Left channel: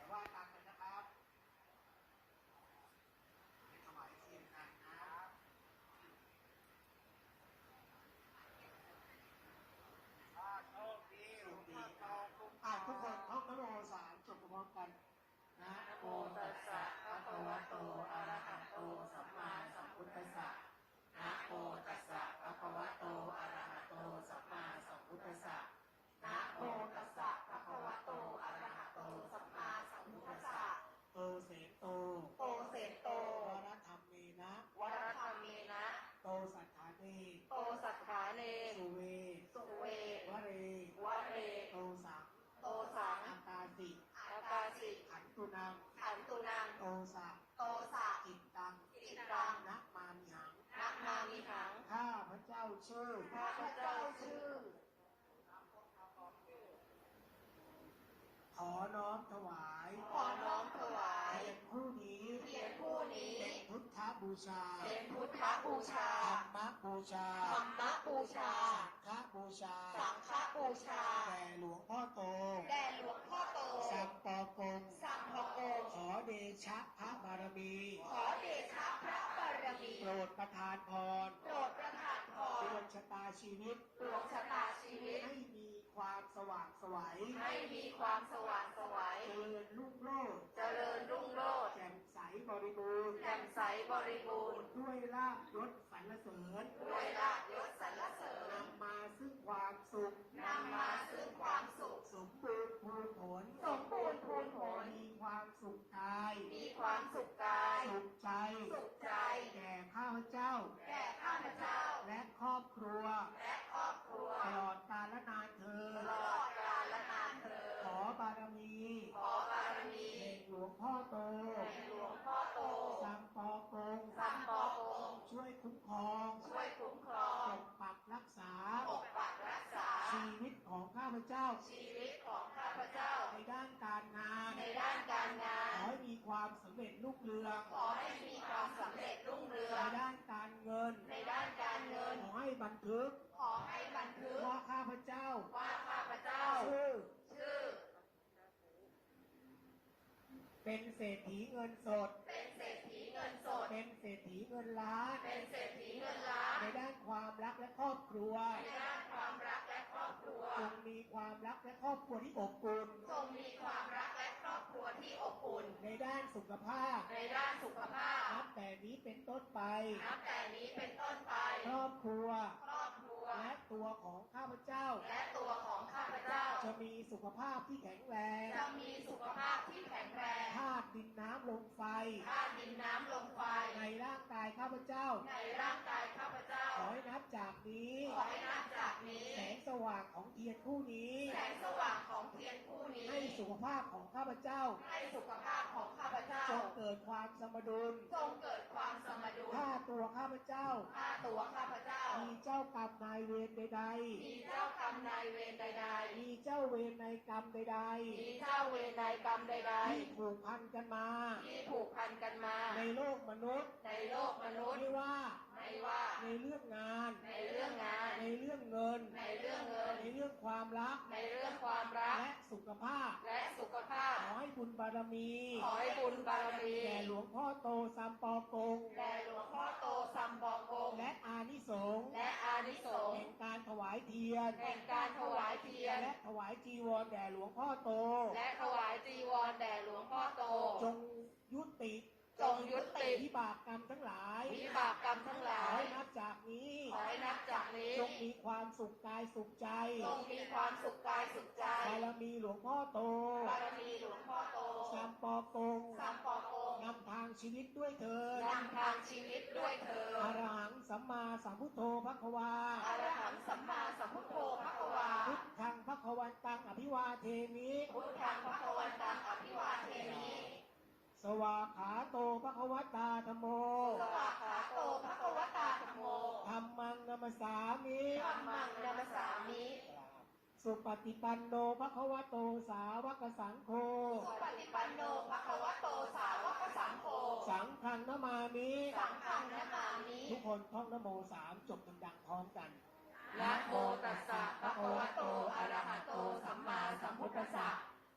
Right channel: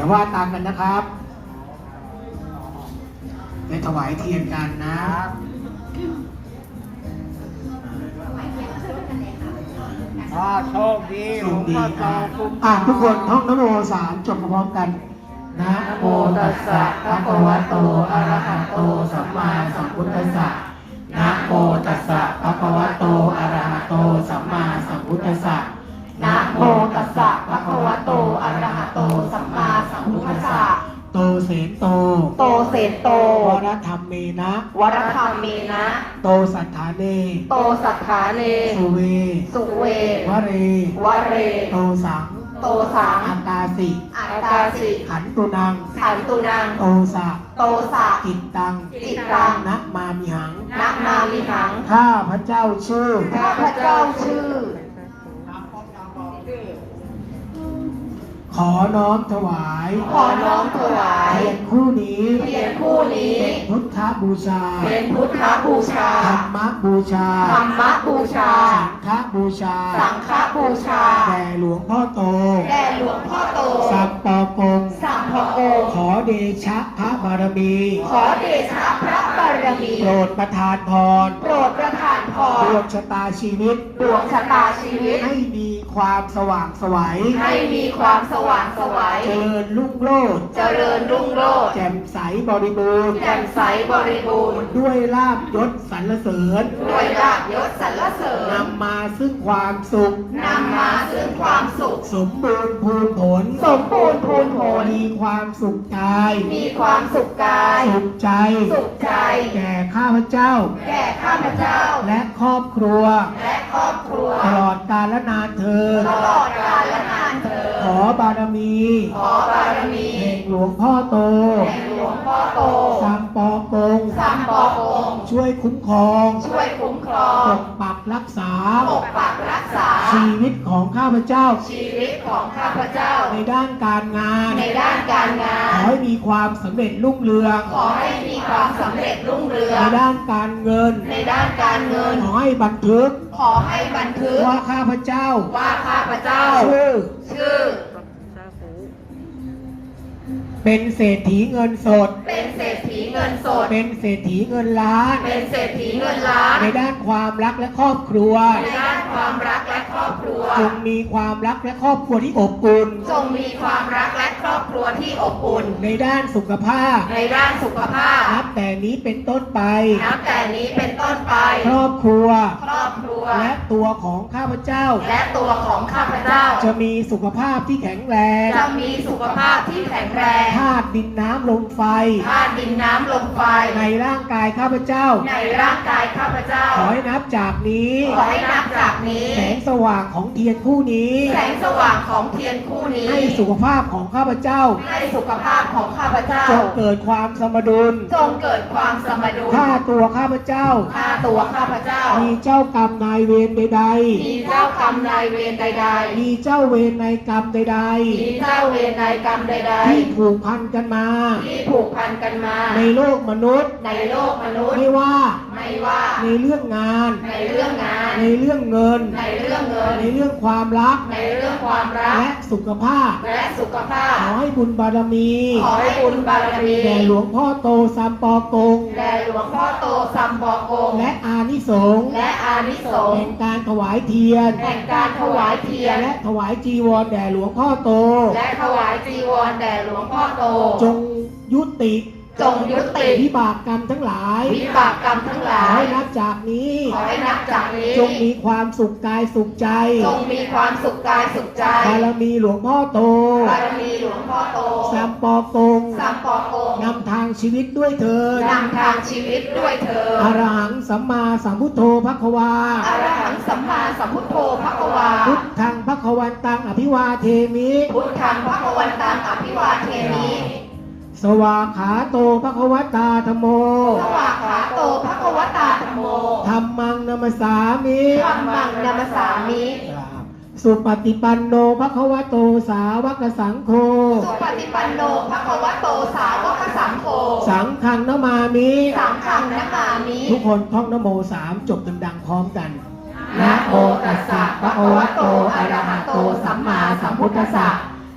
ดี๋ยวว่าตามกันนะครับไปถวายเทียนกันนะอ่าโชคดีหลสุวขงดีพ่อโตอะคุ้มอะทุกคนท่องนโมสามจบพร้อมกันนะโมตัสสะภะคะวะโตอะระหะโตสั ธรรมเมนะ โตสัทธาเน โตสัทธาเน สุเว สุเว วเร วเร โตสัง โตสัง อัตตาสิ อัตตาสิ ขันตุนัง ขันตุนัง โตสะ โตสะกิตตัง จิตตังนะมามิหังนะมามิหัง ข้าพระเจ้าชื่อ ข้าพเจ้าชื่อ ขอน้อมถวายขอน้อมถวายเทียนคู่นี้เทียนคู่นี้เป็นพุทธบูชาเป็นพุทธบูชาธรรมบูชาธรรมบูชา สังฆบูชา สังฆบูชาแด่หลวงพ่อโตแด่หลวงพ่อโต สัปปอกงสัมภโองค์ขอเดชะพระบารมี ขอเดชะพระบารมี โปรดประทานพรโปรดประทานพดรวงชะตาชีวิต ดวงชะตาชีวิต ให้มีความสว่างไสวัยให้มีความสว่างไสวัยเจริญรุ่งโรจน์เจริญรุ่งโรจน์แจ่มใสบริบูรณ์แจ่มใสบริบูรณ์ ด้วยลาบยศสรรเสริญด้วยลาภยศสรรเสริญนำมาซึ่งความสุข นำมาซึ่งความสุข สมบูรณ์พูนผลสมบูรณ์พูนผล มีความสุขกาย มีความสุขกาย สุขใจ สุขใจ แก่ข้าพเจ้า แก่ข้าพเจ้า และครอบครัว และครอบครัว ตลอดกาลและนานเธอญตลอดกาลและนานเธอญขอบารมี ขอบารมีแห่งหลวงพ่อโตแห่งหลวงพ่อโตสัมปอกงสัมปอองค์ช่วยคุ้มครอง ช่วยคุ้มครอปงกปัก รักษา ปกปักรักษา ชีวิตของข้าพเจ้า ชีวิตของข้าพเจ้า ในด้านการงาน ในด้านการงาขอนให้มีความสำเร็จรุ่งเรือง ขอให้มีความสำเร็จรุ่งเรือง ในด้านการเงิน ในด้านการเงิน ขอให้บันทึก ขอให้บันทึก ว่าข้าพเจ้า ว่าข้าพเจ้า ชื่อ ชื่อ เป็นเศรษฐีเงินสด เป็นเศรษฐี เงินสด เป็นเศรษฐีเงินล้าน เป็นเศรษฐีเงินล้าน ในด้านความรักและครอบครัว ในด้านความรักและครอบครัว จงมีความรักและครอบครัวที่อบอุ่น จงมีความรักและครอบครัวที่อบอุ่น ในด้านสุขภาพ ในด้านสุขภาพ นับแต่นี้เป็นต้นไป นับแต่นี้เป็นต้นไป ครอบครัว ครอบครัว และตัวของข้าพเจ้า และตัวของข้าพเจ้า จะมีสุขภาพที่แข็งแรง จะมีสุขภาพที่แข็งแรง ธาตุดินน้ำลมไฟ ธาตุดินน้ำลมไฟ ในร่างกายข้าพเจ้า ในร่างกายข้าพเจ้า ขอให้นับจากนี้ ขอให้นับจากนี้ แสงสว่างของเทียนคู่นี้ แสงสว่างของเทียนคู่นี้ ให้สุขภาพของข้าพเจ้า ให้สุขภาพของข้าพเจ้า จงเกิดความสมดุล จงเกิดความสมดุลถ้าตัวข้าพเจ้าฆ่าตัวข้าพเจ้า มีเจ้ากรรมนายเวรใดมีเจ้ากรรมนายเวรใดๆ มีเจ้าเวรในกรรมใดๆ มีเจ้าเวรนายกรรมใดๆ ที่ผูกพันกันมาๆที่ผูกพันกันมาในโลกมนุษย์ ในโลกมนุษย์ไม่ว่าไม่ว่าในเรื่องงาน ในเรื่องงาน ในเรื่องเงิน ในเรื่องเงิน ในเรื่องความรัก ในเรื่องความรัก และสุขภาพ และสุขภาพ ขอให้บุญบารมี ขอให้บุญบารมีแด่หลวงพ่อโตสัมปอกงแด่หลวงพ่อโตสัมบอกงและอานิสงส์และอานิสงแห่ส์งการถวายเทียนแห่งการถวายเทียน และถวายจีวรแด่หลวงพ่อโต และถวายจีวรแด่หลวงพ่อโต จงยุติ จงยุติวิบากกรรมทั้งหลายวิบากกรรมทั้งหขอลายให้นับจากนี้ ขอให้นับจากนี้จงมีความสุขกายสุขใจจงมีความสุขกายสุขใจบารมีหลวงพ่อโตบารมีหลวงพ่อโตสัมปอกงสัมปอกงนำทางชีวิตด้วยเถิดนำทางชีวิตด้วยเธออรหังสัมมาสัมพุทโธภควาอรหังสัมมาสัมพุทโธภควา พุทธังภควันตังอภิวาเทมิพุทธังภควันตังอภิวาเทมิ สวากขาโตภควตาธโมสวากขาโตภควตาธรรมโมธรรมังนมสสามิธรรมังนัมสสามิสุปฏิปันโนภควโตสาวกสังโฆ สุปฏิปันโนภควโตสาวกสังโฆ สังฆังนมามิสังฆังนะมามิ ทุกคนท่องนโมสามจบดังๆพร้อมกันนะโมตัสสะภะ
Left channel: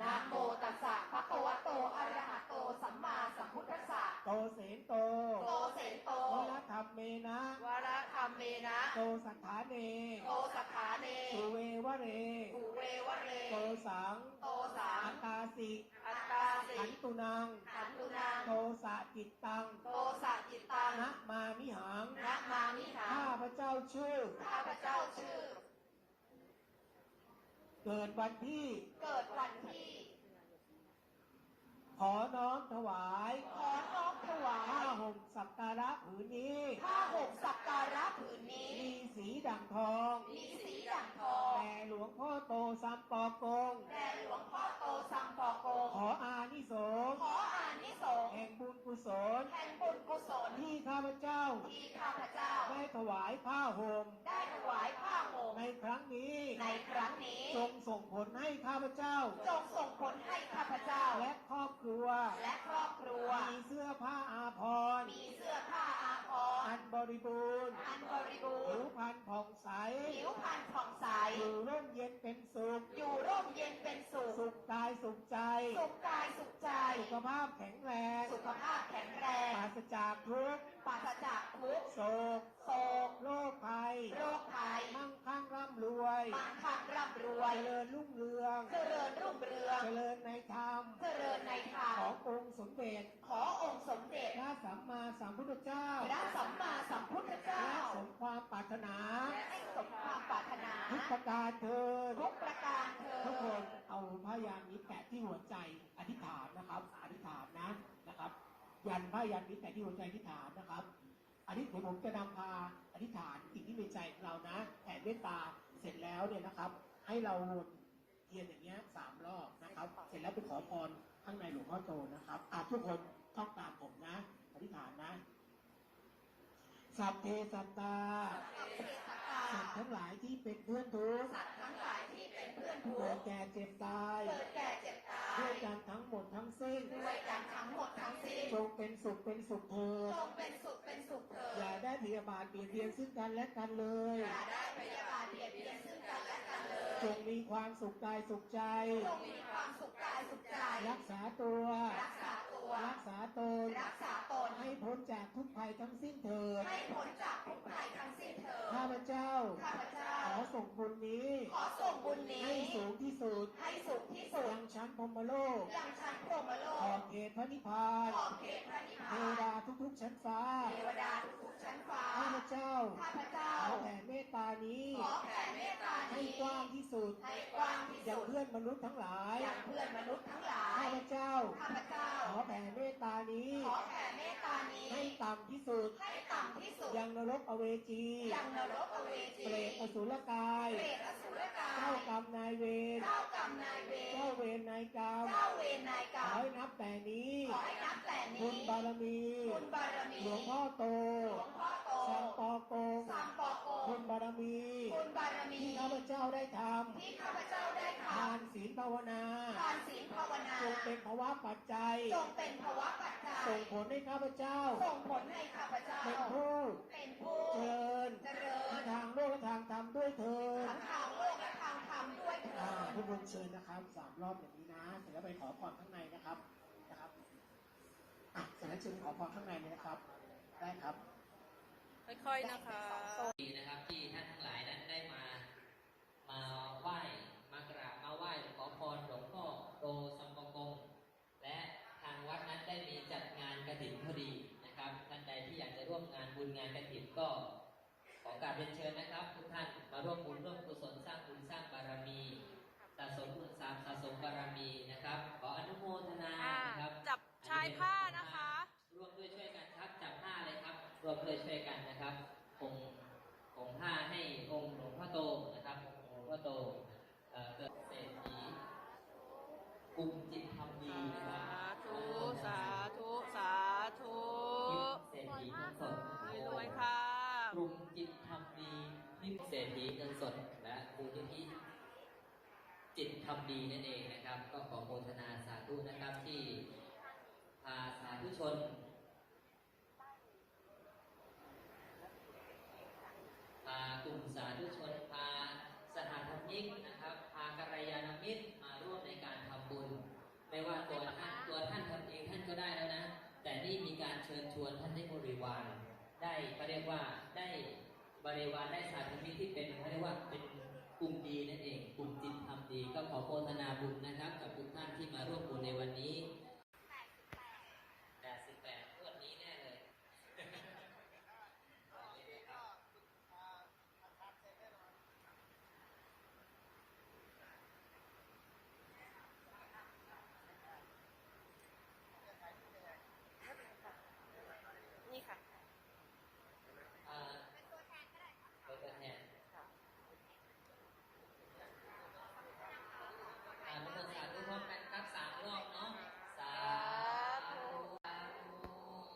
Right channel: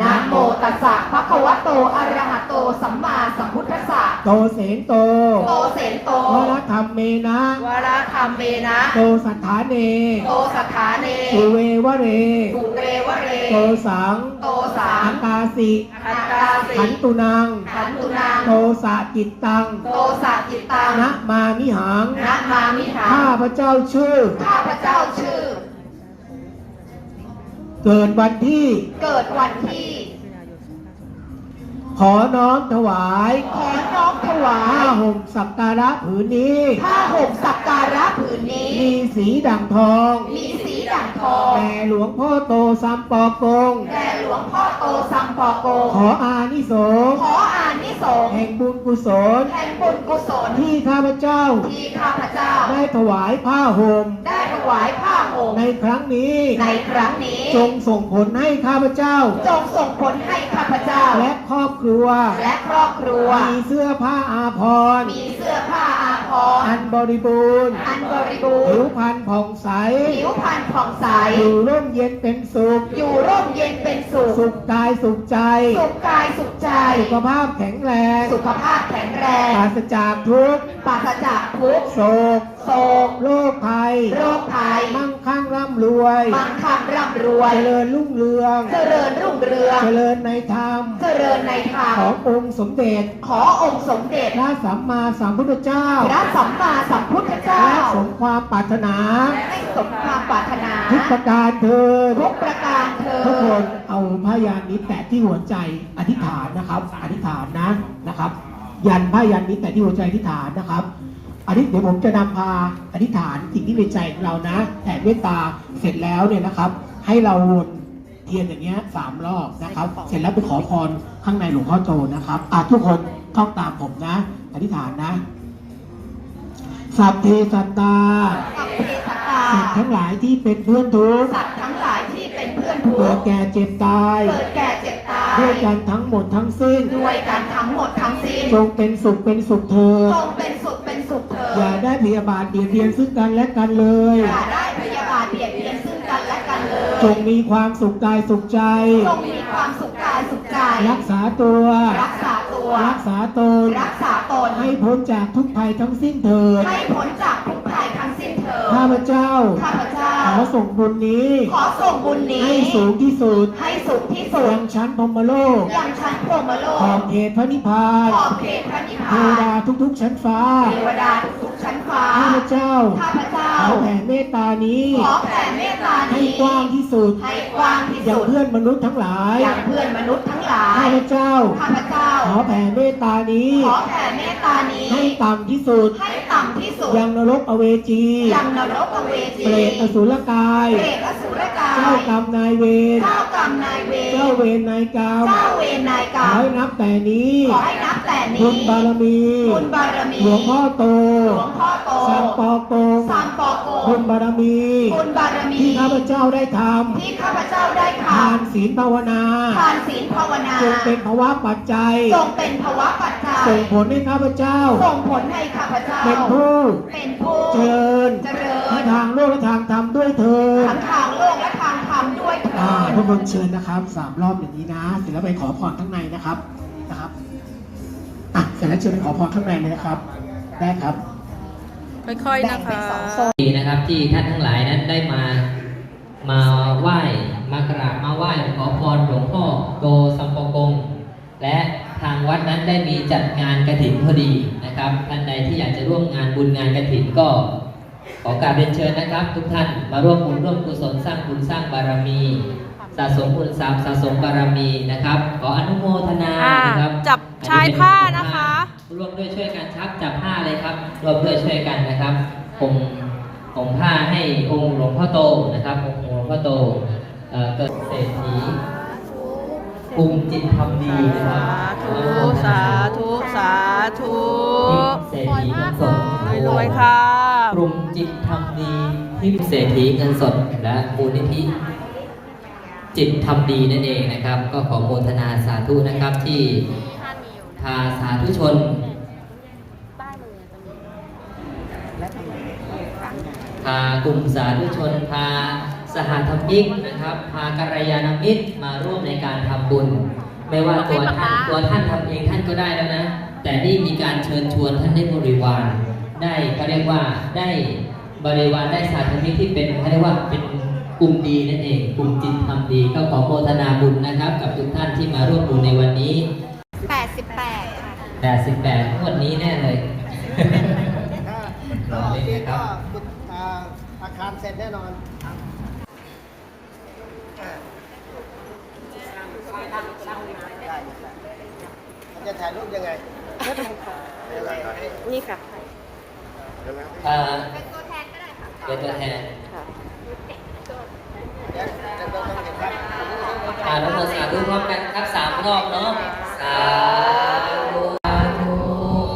นะโมตัสสะภะคะวะโตอะระหะโตสัมมาสัมพุทธัสสะโตเสนโต โตเสนโตวรธรรมเมนะวรธรรมเมนะโตสัทธาเน โตสัทธาเนสุเววะเรสุเรวะเร โตสัง โตสังอัตตาสิอัตตาสิขันตุนังขันตุนัง โตสะจิตตัง โตสะจิตตังนะมามิหังนะมามิหัง ข้าพระเจ้าชื่อ ข้าพระเจ้าชื่อ เกิดวันที่ เกิดวันที่ ขอน้อมถวายขอน้อมถวาผ้าย ห่มสักการะผืนนี้ ผ้าห่มสักการะผืนนี้ มีสีดั่งทอง มีสีด่างทองแด่หลวงพ่อโตสัมปอกง แด่หลวงพ่อโตสัมปอโกขออานิสงส์ขออานิสงส์แห่งบุญกุศล แห่งบุญกุศลที่ข้าพเจ้า ที่ข้าพเจ้า ได้ถวายผ้าห่ม ได้ถวายผ้าห่มในครั้งนี้ ในครั้งนี้ จงส่งผลให้ข้าพเจ้า จงส่งผลให้ข้าพเจ้า และครอบครัว และครอบครัว มีเสื้อผ้าอาภรณ์มีเสื้อผ้าอาภรอัณ์นบริบูรณ์อันบริบูผิรวณ์พรรณผ่องใส ผิวพรรณผ่องใส อยู่ร่มเย็นเป็นสุข อยู่ร่มเย็นเป็นสุข สุขกายสุขใจ สุขกายสุขใจ สุขภาพแข็งแรง สุขภาพแข็งแรง ปราศจากทุกข์ ปราศจากทุกข์โศก โศกโรคภัย โรคภัย มั่งคั่งร่ำรวย มั่งคั่งร่ำรวย เจริญรุ่งเรือง เจริญรุ่งเรือง เจริญในธรรม เจริญในธรรม ขององค์สมเด็จ ขอองค์สมเด็จ พระสัมมาสัมพุทธเจ้า พระสัมมาสัมพุทธเจ้าและสมความปรารถนาให้สมความปรารถนา ทุกประการเถิดทุกประการเธอทุกคนเอาพยันนี้แตะที่หัวใจอธิษฐานนะครับ อธิษฐานนะนะครับ ยันพยันนี้แตะที่หัวใจอธิษฐานนะครับ อธิษเดี๋ยวผมจะนำพาอธิษฐานสิ่งที่ในใจของเรานะแผ่เมตตาเสร็จแล้วเนี่ยนะครับ ให้เราวนเทียนอย่างเงี้ยสามรอบนะครับ เสร็จแล้วไปขอพรข้างในหลวงพ่อโตนะครับอะทุกคนท่องตามผมนะ อธิษฐานนะ สัพเพสัตตาสัพเพสัตตาสัตว์ทั้งหลายที่เป็นเพื่อนทุกข์สัตว์ทั้งหลายที่เป็นเพื่อนทุกเกิดข์แก่เจ็บตายเกิดแก่เจ็บตายด้วยกันทั้งหมดทั้งสิ้นด้วยกันทั้งหมดทั้งสิ้นจงเป็นสุขเป็นสุขเธอจงเป็น อย่าดได้พยาบาทเบียดเบียนซึ่งกันและกันเลย อย่าได้พยาบาทเบียดเบียนซึ่งกันและกันเลยจงมีความสุขกายสุขใจ จงมีความสุขกายสุขใจ รักษาตัว รักษาตัว รักษาตน รักษาตน ให้พ้นจากทุกภัยทั้งสิ้นเถิดให้พ้นจากทุกภัยทั้งสิ้นเถิดข้าพเจ้า ข้าพเจ้าข อส่งบุญนี้ ขอส่งบุญนี้ ให้สูงที่สุดให้สูงที่สุดยังชั้นพรหมโลกยังชั้นพรหมโลขอกบเขตพระนิพพานขอบเขตพระนิพเทพาวดานทุกๆ ชั้นฟ้าเทวดาทุกๆชั้นฟ้าข้าพเจ้าข้าพเจ้าขอแผ่เมตตานี้ขอแผ่เมตตาให้นี้กว้างที่สุดให้กว้างที่อย่างสุดเพื่อนมนุษย์ทั้งหลายอย่างเพื่อนมนุษย์ทั้งหลายข้าพเจ้าข้าพเจ้าขอแผ่เมตตานี้ขอแผ่เมตตานี้ให้ต่ำที่สุดให้ต่ำที่สุดยังนรกอเวจียังนรกอเวจีเปรตอสุรกาย เปรตอสุรกาย เจ้ากรรมนายเวร เจ้ากรรมนายเวร เจ้าเวรนายกรรม เจ้าเวรนายกขรรอมให้นับแต่นี้ ขอให้นับแต่นี้ บุญบารมี บุญบารมี หลวงพ่อโต หลวงพ่อโตสัมปอกงสามปอโกบุญบารมี บุญบารมี ที่ข้าพเจ้าได้ทที่ข้าพเจ้าได้ำททานศีลภาวนาำทานศีลภาวนา จงเป็นภาวะปัจจัย จงเป็นภวะปัจจัย ส่งผลให้ข้าพเจ้า ส่งผลให้ข้าพเจ้า เป็นผู้ เป็นผู้ เจริญ เจริทั้ญง ทางโลกและทางธรรมด้วยเธอญทั้งทางโลกและทางธรรมด้วยเถิอ่าดทุกคนเชิญนะครับสามรอบอย่างนี้นะ เสร็จแล้วไปขอพรข้างในนะครับนะครับอะเสร็จแล้วเชิญไปขอพรข้างในเลยนะครับ ได้ครับ ค่อยๆแบ่นะงเป็นคะสองโซนดีนะครับที่ท่านทั้งหลายนั้นได้มามาไหว้มากราบมาไหว้ขอพรหลวงพ่อโตสัมปกง และทางวัดนั้นได้มีจัดงานกระถินพอดีนะครับท่านใดที่อยากจะร่วมงานบุญงานกระถินก็ ขอกราบเรียนเชิญนะครับ ทุกท่านมาร่วมบุญร่วมกุศลสร้างบุญสร้างบารมีสะสมบุญสามสะสมบารมีนะครับ ขออนุโมทนาอ่านะครับจับชายผ้านะคะร่วมด้วยช่วยกันครับจับผ้าเลยครับร่วมด้วยช่วยกันนะครับผมผมผ้าให้องค์หลวงพ่อโตนะครับองค์หลวงพ่อโตเอ่อเกิดเศรษฐีกลุ่มจิตทำดีนะครับสาธุสาธุสาธุเศรษฐีเงินสดรวยๆค่ะ กลุ่มจิตทำดีที่เศรษฐีเงินสดและมูลนิธิจิตทำดีนั่นเองนะครับ ก็ขอโมทนาสาธุนะครับที่พาสาธุชนพากลุ่มสาธุชนพาสหธรรมิกนะครับ พากัลยาณมิตรมาร่วมในการทำบุญ ไม่ว่าตัวท่านตัวท่านทำเองท่านก็ได้แล้วนะ แต่นี่มีการเชิญชวนท่านได้บริวาร เขาเรียกว่าได้บริวารได้สาธมิกที่เป็นเขาเรียกว่าเป็นกลุ่มดีนั่นเองกลุ่มจิตทำดีก็ขอโมทนาบุญนะครับ กับทุกท่านที่มาร่วมบุญในวันนี้ 88ค่ะ88งวดนี้แน่เลยก็ที่ก็อ่าอาคารเสร็จแน่นอนจะถ่ายรูปยังไง นี่ค่ะเอ่อเป็นตัวแทนก็ได้ค่ะเป็นตัวแทนเดี๋ยวจะต้องเห็นครับอ่าเราโมสาธุพร้อมกันครับสามรอบเนาะสาธุสาธุ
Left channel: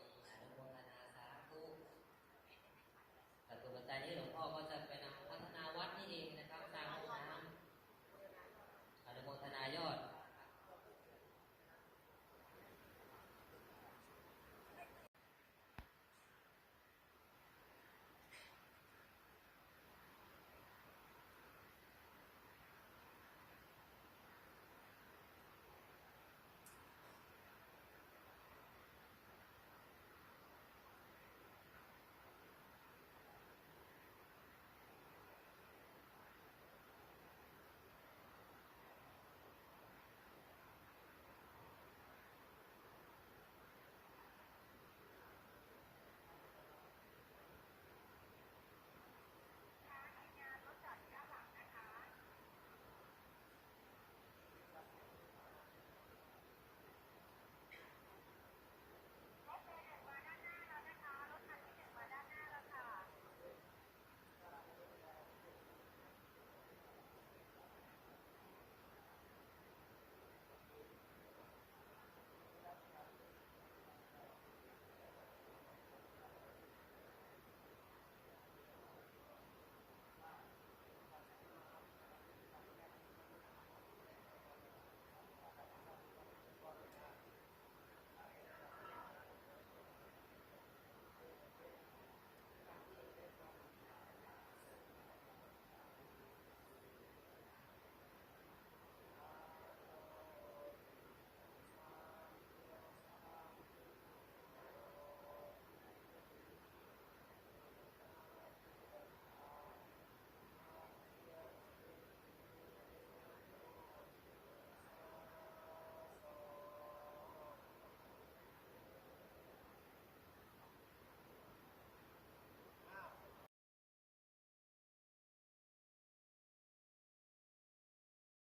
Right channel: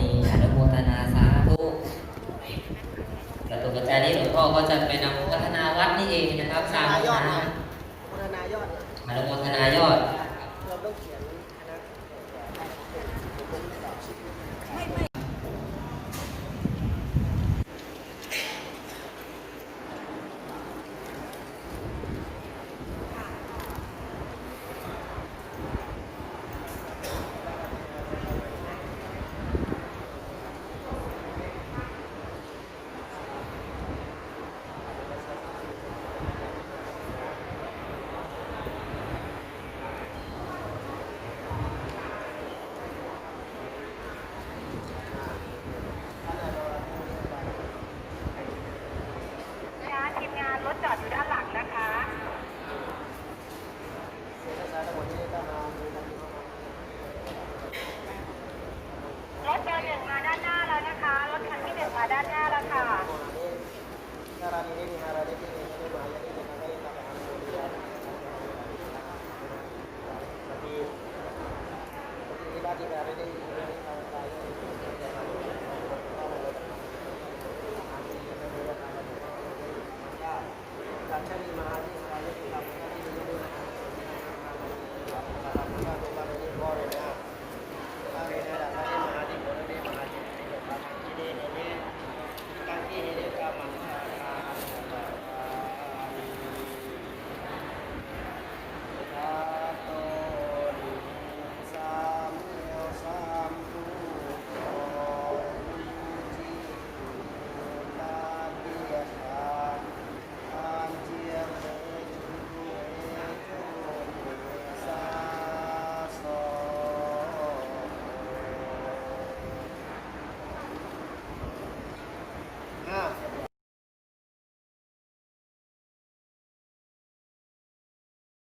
นี่อนุโมทนาสาธุกระตุกกระจายนี้หลวงพ่อก็จะไปนำพัฒนาวัดนี่เองนะครับสร้างนายอดนะนะพัฒนายอดนะอนุโมทนายอด